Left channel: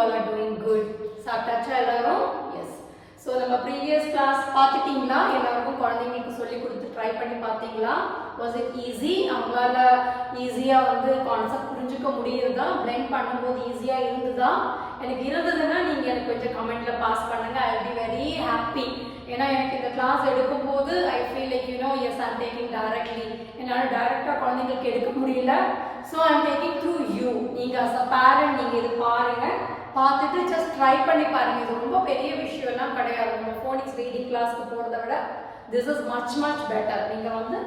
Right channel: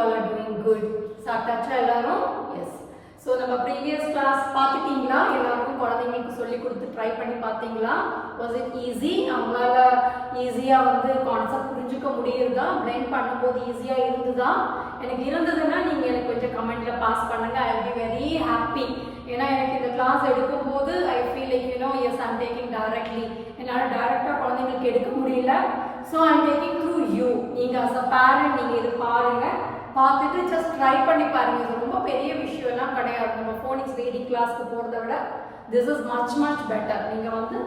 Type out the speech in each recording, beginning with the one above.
all are doing good. சாப்பிட்டாச்சா எல்லாரும்? S. So நம்ம ப்ரீவியஸ் கிளாஸ் பார்த்துட்டீங்களா? எல்லாருக்கும் குழந்தைங்களுக்கு சொல்லி கொடுத்து ட்ரை பண்ணி பார்த்தீங்களா? Was it easy? அவங்களால ஈஸியாக வந்து கான்செப்ட் புரிஞ்சுக்க முடியுதா? பிளெண்ட் பண்ணும்போது ஈஸியாக இருந்ததா? எனக்கு இருந்ததுன்னா நீங்கள் எனக்கு கொஞ்சம் கமெண்ட்டில் பாஸ் பண்ணுங்கள். I will be very happy. ஏன்னா எனக்கு இந்த கிளாஸ் எடுக்கும் போது I feel like yes I'm taking directly. என்னால் டைரக்டாக குழந்தைங்களுக்கு எடுக்க முடியல. So I'm taking through you. நீங்கள் அஸ் அ பேரண்ட் நீங்கள் இது பாருங்கள், பார்த்துட்டு ஜஸ்ட் ட்ரை பண்ணி பாருங்கள். இது ரொம்ப பெரிய விஷயம்லாம் கிடையாது. நம்ம ஃபோனிக்ஸ் ரீடிங் கிளாஸ்க்கு போகிறத விட this is much much better. நீங்கள் வந்து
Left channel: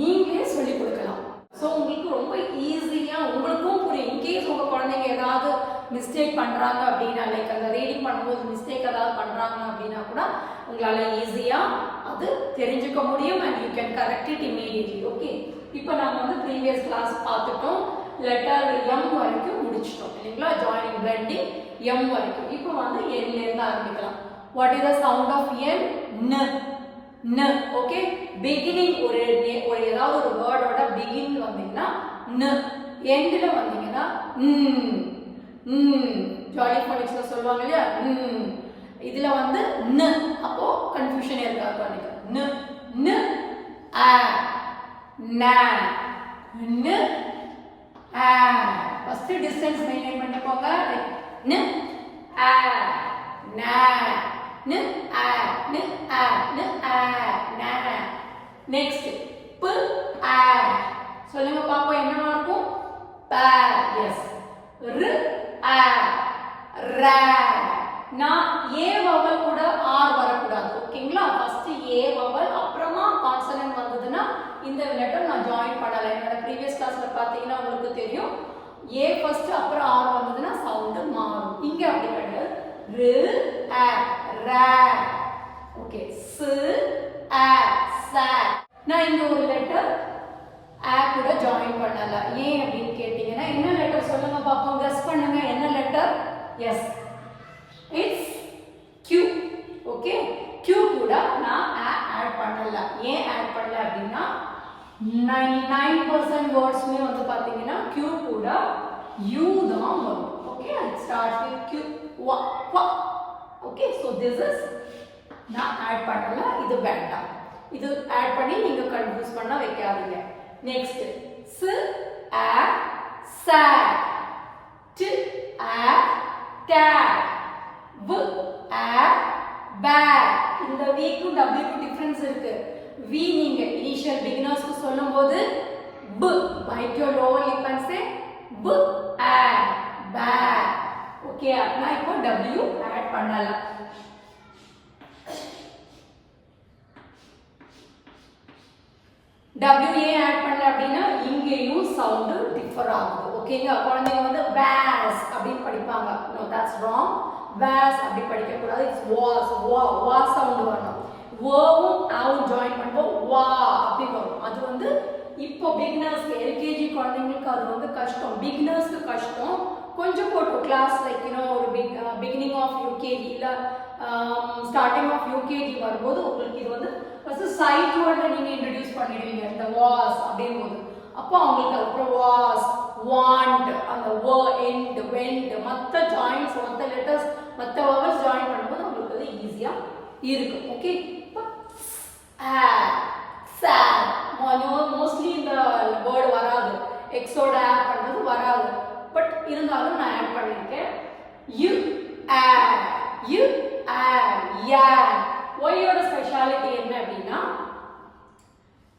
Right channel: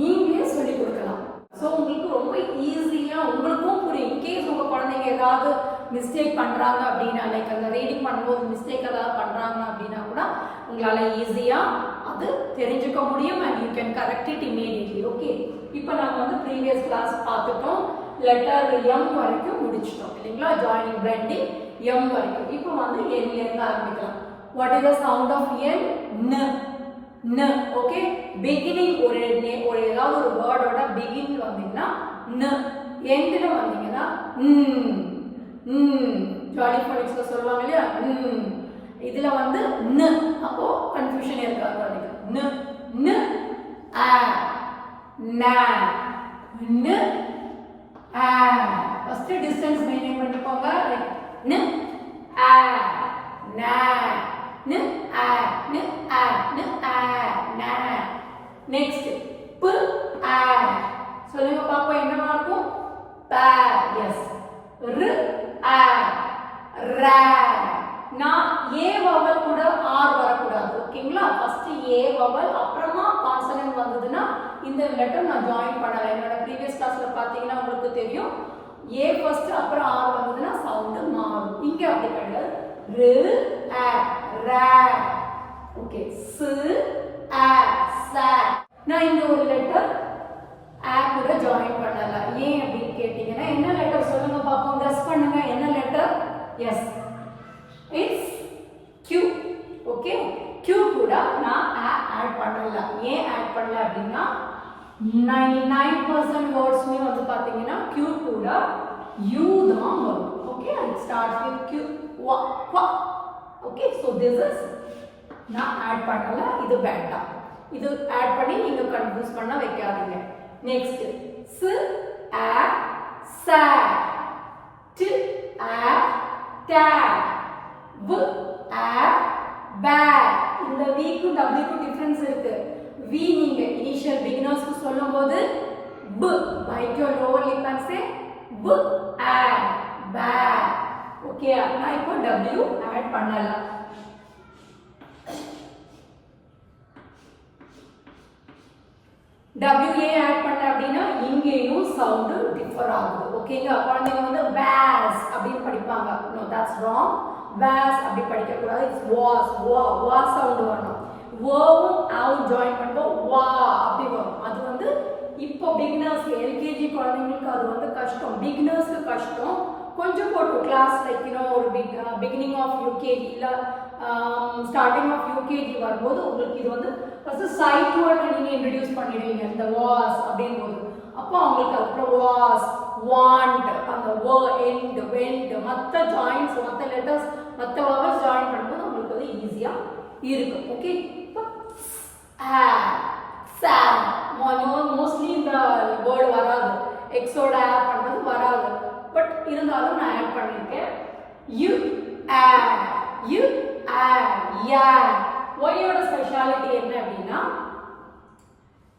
நீங்களே சொல்லிக் கொடுக்கலாம். ஸோ உங்களுக்கு ரொம்ப ஈஸியாக உங்களுக்கும் புரியும். இன்கேஸ் உங்கள் குழந்தைங்க ஏதாவது மிஸ்டேக் பண்ணுறாங்க அப்படின்னா, லைக் அந்த ரீடிங் பண்ணும்போது மிஸ்டேக் ஏதாவது பண்ணுறாங்க அப்படின்னா கூட உங்களால் ஈஸியாக அது தெரிஞ்சுக்க முடியும். And you can correct it immediately. Okay, இப்போ நாங்கள் வந்து ப்ரீவியஸ் கிளாஸ் பார்த்துட்டோம். லெட்டர் எம் வரைக்கும் முடிச்சிட்டோம் இல்லைங்களா? ஜாயினிங் பிளெண்டிங் எம் வரைக்கும். இப்போ வந்து என்லேருந்து ஆரம்பிக்கலாம். What is the sound of N? ந. ந. ஓகே, பிகினிங் ஒரு ஏதாவது ஒரு வேர்டோட பிகின் வந்தீங்கன்னா ந, எண்டில் வந்தீங்கன்னா ஜாலி ஃபோனிக்ஸ்ல சொல்லுவாங்க இல்லையா? இதுல வந்து ந, அப்போ கன்ஃபியூஷன் இருக்காது. ந ந ஆ ந ந ஆ. ஃபர்ஸ்ட் டிஸ்டன்ஸ் மெயின்டைன் பண்ணிக்கோங்க. ந ஆ ந ந ஆ ந ஆ ந ஆ ந. நெக்ஸ்ட் ப ஆ. சொல்லுங்க பாப்போம் என்னவா இருக்கும்? ப. எஸ். ரு ஆ ர. நான் ஏ வவல் கூட ஆர் வரக்கூடாது. ஓகேங்களா? ஃபர்ஸ்ட் ஏ வவல் அப்புறமா கான்சனன்ட் வந்ததுன்னா இந்த லெட்டர் நான் ஜாயின் பண்ணல. என்னோட ப்ரீவியஸ் கிளாஸ்ல பாத்தீங்கன்னா உங்களுக்கு தெரியும், ஏ ஃபர்ஸ்ட் அப்புறம் ஆர் வந்ததுன்னா சவுண்ட் மாறும். இங்க அப்படி கிடையாது. ரு அ ர. ஓகே, ஸ் அ ச. நான் இங்க ஒரு லெட்டர் ஆ கூட ஜாயின் பண்ணல. ஏன் அப்படின்னு கேட்டீங்கன்னா என்ன லெட்டர் சொல்லுங்க பாப்போம், கெஸ் பண்ணுங்க. என்ன letter? Yes, it's Q. Okay, Q கூட நான் ஆட் பண்ணல. ஏன் ஆட் பண்ணல அப்படின்னா 99% வேர்ட்ஸ்மே வந்து பாத்தீங்கன்னா Q கூட U தான் வரும். Okay, it starts with Q. Okay, so this is நான் ஆட் பண்ணல. இது வேண்டாம். இது ஆட் பண்ணி நீங்க கன்ஃபியூஸ் பண்ண வைக்காதீங்க. நெக்ஸ்ட் ஸ் அ ச. ட் அ ட. வ அ ப. இந்த வீக்கு டபிள்யூக்கு டிஃபரன்ஸ் இருக்கு. வி நீங்க இனிஷியல் பிகினர்ஸ்க்கு சொல்லும்போது ப, byte your lower lip and say ப அ ப. ஓகே, நான் இப்போ டபிள்யூ ஆட் பண்ணலாம். WA ஆட் பண்ணல அப்படின்னா இங்கேயும் சவுண்ட் டிஃபர் ஆகுது. ஓகேங்க, குழந்தைங்க வந்து வேஸ் அப்படின்னு படிப்பாங்க. No, that's wrong. வேஸ் அப்படி படிக்க கூடாது. It's was. வா சவுண்ட் வரணும். வும் ஆவும் ஜாயின் பண்ணும்போது வா அப்படி வரும். அது வந்து இப்போ பிகினர்ஸ் எல்கேஜி குழந்தைங்களுக்கு அது வந்து கஷ்டம். பிகினர்ஸ்க்கு கஷ்டம். கொஞ்சம் போட்டோம் கிளாஸ் லைக் ஒரு பிகினிங் ஆஃப் யூகேஜி இல்ல ஸ்டார்டிங் ஆஃப் யூகேஜி வரும்போது உங்களுக்கு இது வந்து ஃபர்ஸ்ட் சைட் வேர்டை நீங்க இன்ட்ரோடியூஸ் பண்ணிடுவீங்க. இந்த வாஸ் அப்படிங்கும்போது அப்போ அவங்களுக்கு அப்புறம் வாஸ், வாண்ட், அந்த எண்ட், வெண்ட், மற்ற ஜாயின்ஸ், மற்ற லெட்டர்ஸ், மற்ற வவல்ஸ் ஜாயின் பண்ணும்போது அவங்களுக்கு அது ஈஸியா இருக்கும். ஓகே, மோஸ்ட்லி இந்த வேர்டு வராது. எக்ஸோட ஆட் பண்றது வராது. பட் இருந்தாலும் நான் ஆட் பண்ணிருக்கேன். யூ ஆட், யூ ஆட், யா. ஒய்யோட ஸ்பெஷாலிட்டி என்ன அப்படின்னா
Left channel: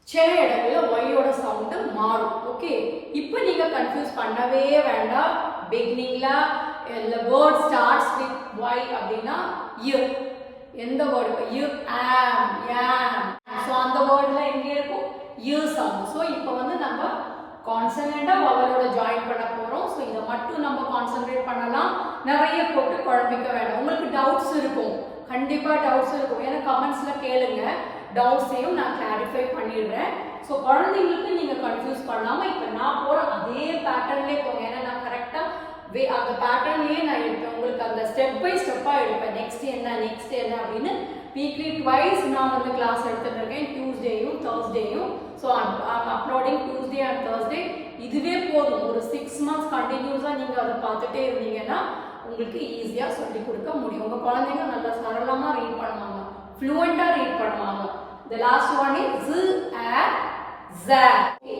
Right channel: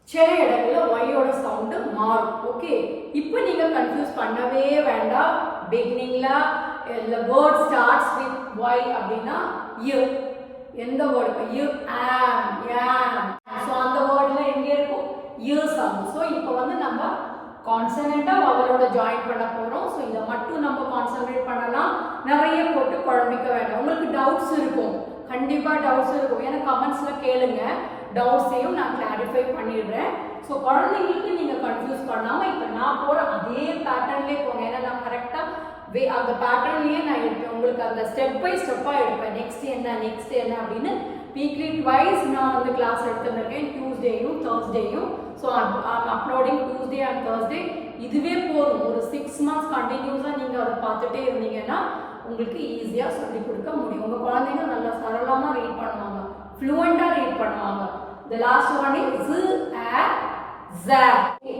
சில இடங்கள்ல ஒய்யோட சவுண்ட் மாறும். ஓகே, இப்போ நீங்க கன்ஃபியூஸ் பண்ணவே வேண்டாம். பிகினிங்ல the word starts with y அப்படின்னா யூ. எந்த word? You am, am. So அந்த வேர்ட்ல எங்க இருக்கும்? You sound. சோ இப்போ வந்து நம்ம கான்சனன்ட்டா வவலோட ஜாயின் பண்ண போறோம். சோ இத மட்டும் நம்ம கான்சென்ட்ரேட் பண்ணலாம். நிறைய போட்டு குழம்பிக்க வேண்டாம். உங்களுக்கு டவுட்ஸ் இருக்கும், கண்டிப்பா டவுட்ஸ் இருக்கும். ஏன்னா கமெண்ட்ஸ்ல கேளுங்க. டவுட்ஸையும் நான் கிளாரிஃபை பண்ணிடுறேன். ஸோ குழந்தைங்களுக்கு நீங்க கன்ஃபியூஸ் பண்ணாம இப்போ நான் போற அதே பேட்டர்ன்லேயே போங்க. ஏன்னா நான் கரெக்டா அந்த பேட்டர்ன்லயே நான் எடுப்பேன். உங்களுக்கு அந்த ஸ்டெப் பை ஸ்டெப்பா எடுப்பேன். நெக்ஸ்ட் என்ன அப்படின்னு வீக்லி ட்வைஸ் நான் வந்து கிளாஸ் எடுத்துருக்கேன். டியூஸ்டேயும் தேர்ஸ்டேயும். So uploading Tuesday and Thursday. இதுவே போதும். ஒரு 6 months கண்டினியூஸா நீங்க அதை பார்த்துட்டே இருந்தீங்கன்னா உங்களுக்கு ஈஸியா சொல்லி கொடுக்க முடியும். உங்க குழந்தைங்க நல்லா சரளமா ரீட் பண்ணுவாங்க, ஃப்ளூயண்டா ரீட் பண்ணுவாங்க. The last one is z a z.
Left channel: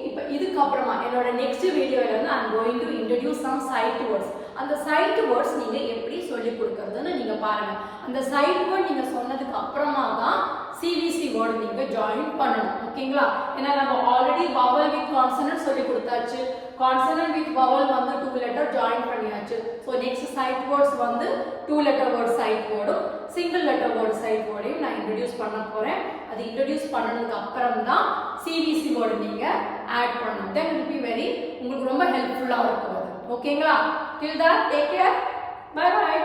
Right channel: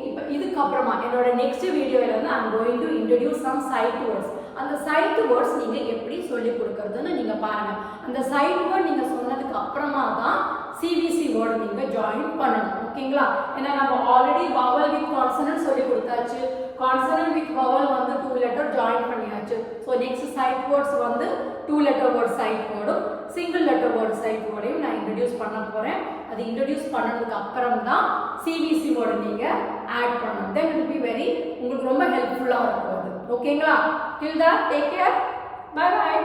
இப்போ இதுக்கு அப்புறமா என்னோட நெக்ஸ்ட் வீடியோல வந்து I'm going to introduce some sight words. அந்த sight words நீங்க எப்படி சொல்லி கொடுக்கிறதுன்னு நீங்க பாருங்க. அந்த sight word நீங்க சொன்னதுக்கு அப்புறமா தான் CVC word நீங்க ஜாயின் பண்ணணும். ஓகேங்களா? ஏன்னா நம்ம ஆல்ரெடி vowel with consonant சொல்லி கொடுத்தாச்சு. consonant with vowel வந்து 2 letter ஜாயின் பண்ணியாச்சு. ஸோ நெக்ஸ்ட் sight words வந்து 2 letter word sight wordம் single letter word sight wordையும் நான் இன்ட்ரோடியூஸ் பண்ண போறேன். அது இன்ட்ரோடியூஸ் பண்ணதுக்கு அப்புறம் தான் CVC word நீங்க ஆட் பண்ணணும். then it will be very உங்களுக்கு ரொம்ப ஹெல்ப்ஃபுல்லா இருக்கும். ஓகேங்களா? till that take care, bye bye.